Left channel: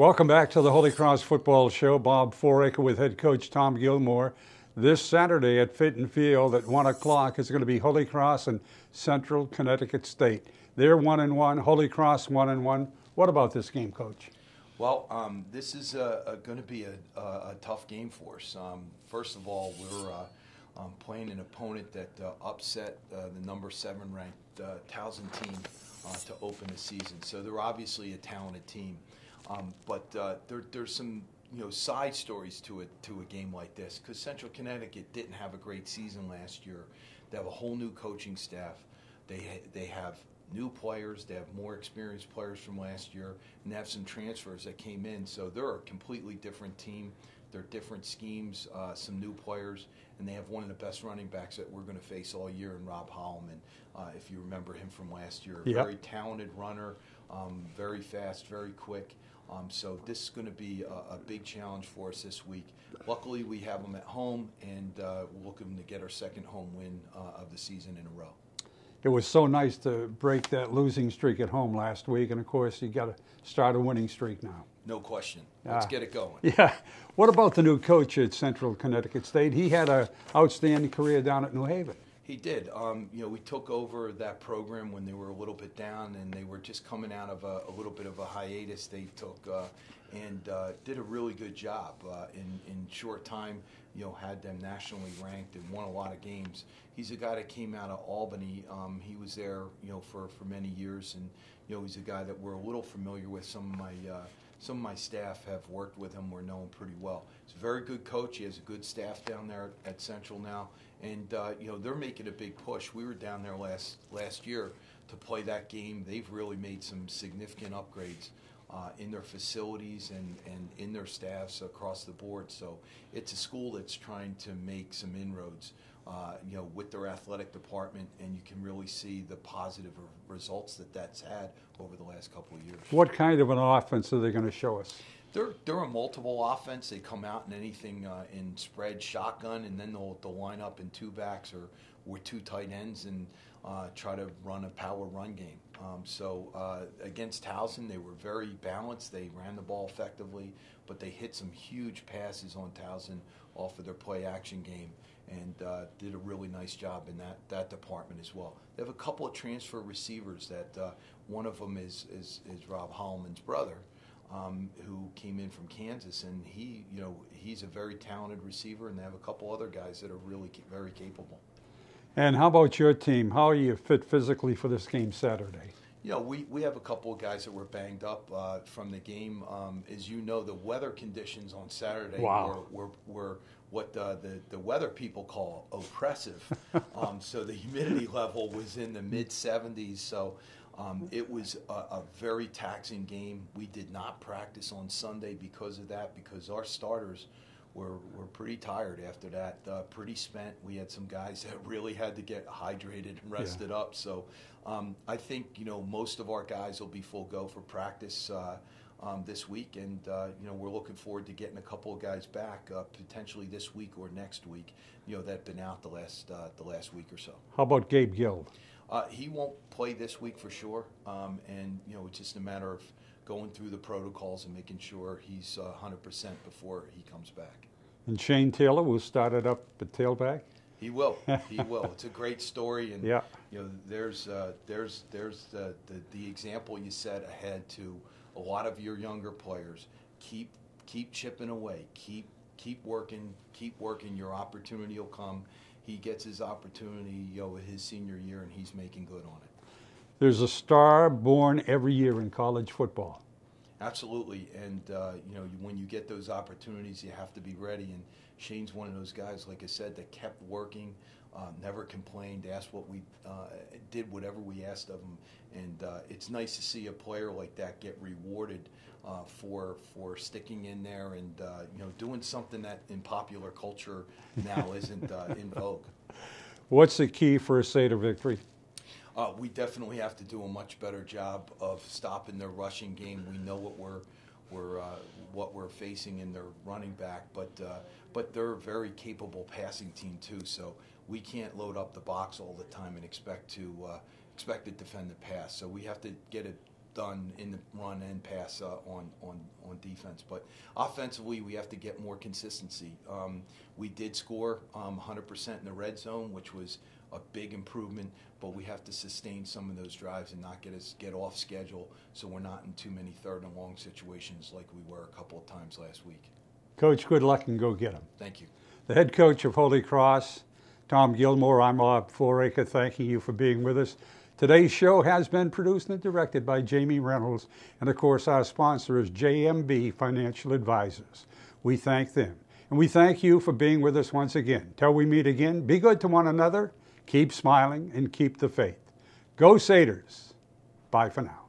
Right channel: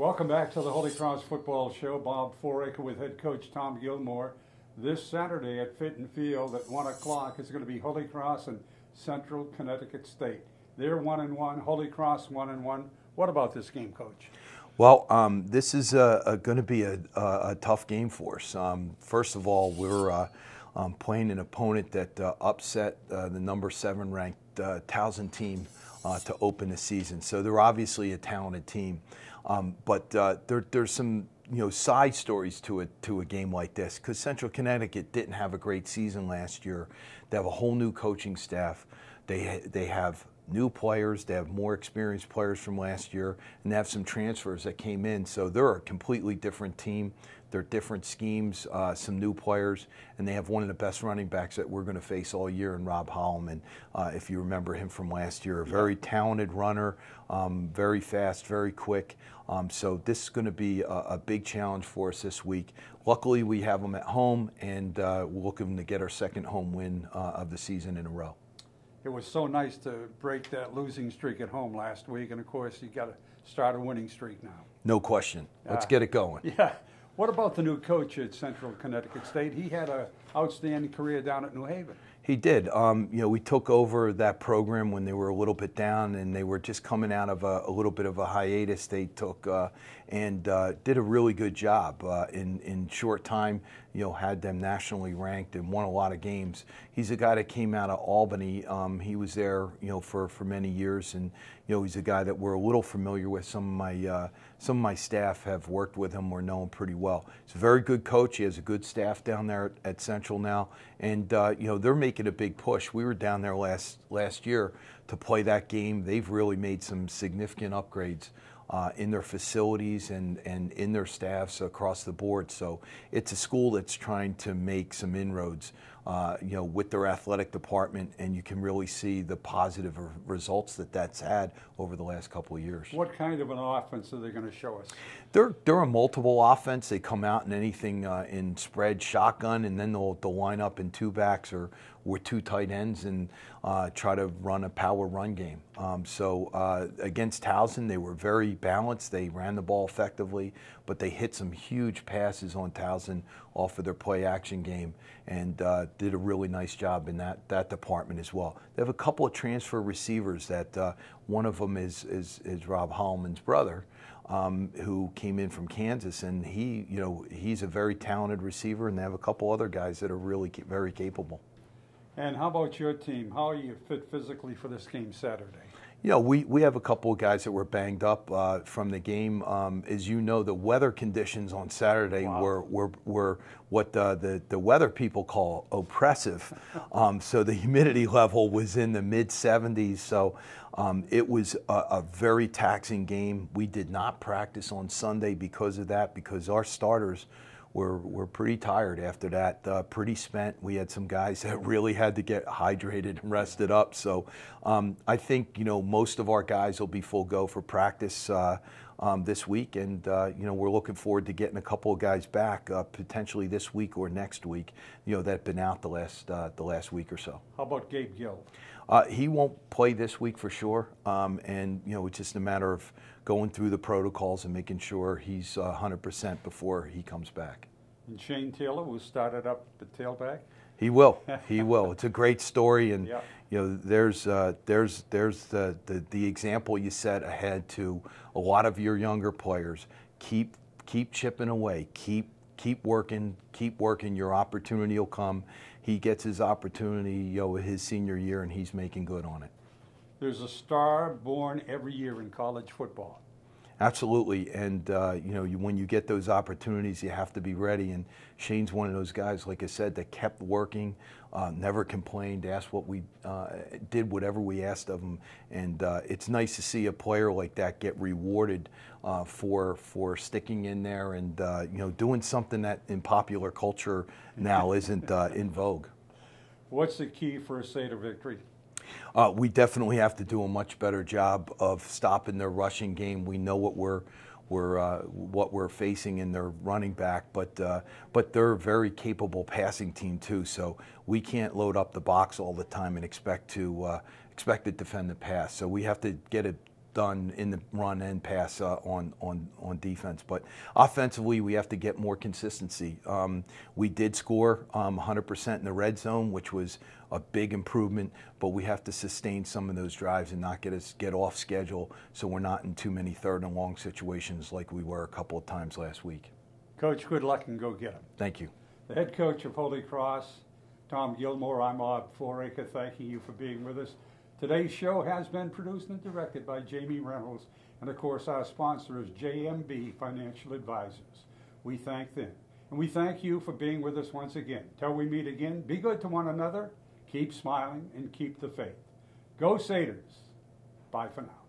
Welcome back to the Holy Cross Football Show. Bob Fouracre with head coach Tom Gilmore. This Saturday at Fitton Field at 1 o'clock is going to be Holy Cross and Central Connecticut State. They're 1-1, Holy Cross 1-1. What about this game, Coach? Well, this is going to be a tough game for us. First of all, we're playing an opponent that upset the number 7 ranked Towson team to open the season. So they're obviously a talented team. But there's some side stories to a game like this, because Central Connecticut didn't have a great season last year. They have a whole new coaching staff. They have new players. They have more experienced players from last year, and they have some transfers that came in. So they're a completely different team. They're different schemes, some new players, and they have one of the best running backs that we're going to face all year in Rob Holloman. If you remember him from last year, a very talented runner, very fast, very quick. So this is going to be a big challenge for us this week. Luckily, we have them at home, and we're looking to get our second home win of the season in a row. It was so nice to break that losing streak at home last week, and of course, you got to start a winning streak now. No question. Let's get it going. Yeah. What about the new coach at Central Connecticut State? He had an outstanding career down at New Haven. He did. We took over that program when they were a little bit down, and they were just coming out of a little bit of a hiatus they took, and did a really good job in short time. Had them nationally ranked and won a lot of games. He's a guy that came out of Albany. He was there, for many years, and he's a guy that we're a little familiar with. Some of my staff have worked with him or know him pretty well. He's a very good coach. He has a good staff down there at Central now, and they're making a big push. We were down there last year to play that game. They've really made some significant upgrades in their facilities and in their staffs across the board. So it's a school that's trying to make some inroads, with their athletic department, and you can really see the positive results that's had over the last couple of years. What kind of an offense are they going to show us? They're a multiple offense. They come out in anything in spread, shotgun, and then they'll line up in 2 backs or with 2 tight ends and try to run a power run game. So against Towson, they were very balanced. They ran the ball effectively, but they hit some huge passes on Towson off of their play action game, and did a really nice job in that department as well. They have a couple of transfer receivers that one of them is Rob Holloman's brother, who came in from Kansas, and he's a very talented receiver, and they have a couple other guys that are really very capable. And how about your team? How are you fit physically for this game Saturday? We have a couple of guys that were banged up from the game. As you know, the weather conditions on Saturday were what the weather people call oppressive. So the humidity level was in the mid-70s. So it was a very taxing game. We did not practice on Sunday because of that, because our starters were pretty tired after that, pretty spent. We had some guys that really had to get hydrated and rested up. So I think, most of our guys will be full go for practice this week, and we're looking forward to getting a couple of guys back potentially this week or next week, that've been out the last week or so. How about Gabe Gill? He won't play this week for sure, and it's just a matter of going through the protocols and making sure he's 100% before he comes back. And Shane Taylor will start it up at tailback? He will. He will. It's a great story, and there's the example you set ahead to a lot of your younger players. Keep chipping away. Keep working. Keep working. Your opportunity will come. He gets his opportunity, his senior year, and he's making good on it. There's a star born every year in college football. Absolutely, and when you get those opportunities, you have to be ready. And Shane's one of those guys, like I said, that kept working, never complained, asked what we did, whatever we asked of him. And it's nice to see a player like that get rewarded for sticking in there and doing something that in popular culture now isn't in vogue. What's the key for a Crusader victory? We definitely have to do a much better job of stopping their rushing game. We know what we're facing in their running back, but they're a very capable passing team too. So we can't load up the box all the time and expect to defend the pass. So we have to get done in the run and pass on defense. But offensively, we have to get more consistency. We did score 100% in the red zone, which was a big improvement, but we have to sustain some of those drives and not get off schedule so we're not in too many third and long situations like we were a couple of times last week. Coach, good luck and go get them. Thank you. The head coach of Holy Cross, Tom Gilmore, I'm Bob Fouracre, thanking you for being with us. Today's show has been produced and directed by Jamie Reynolds, and of course our sponsor is JMB Financial Advisors. We thank them, and we thank you for being with us once again. Till we meet again, be good to one another, keep smiling, and keep the faith. Go Crusaders. Bye for now.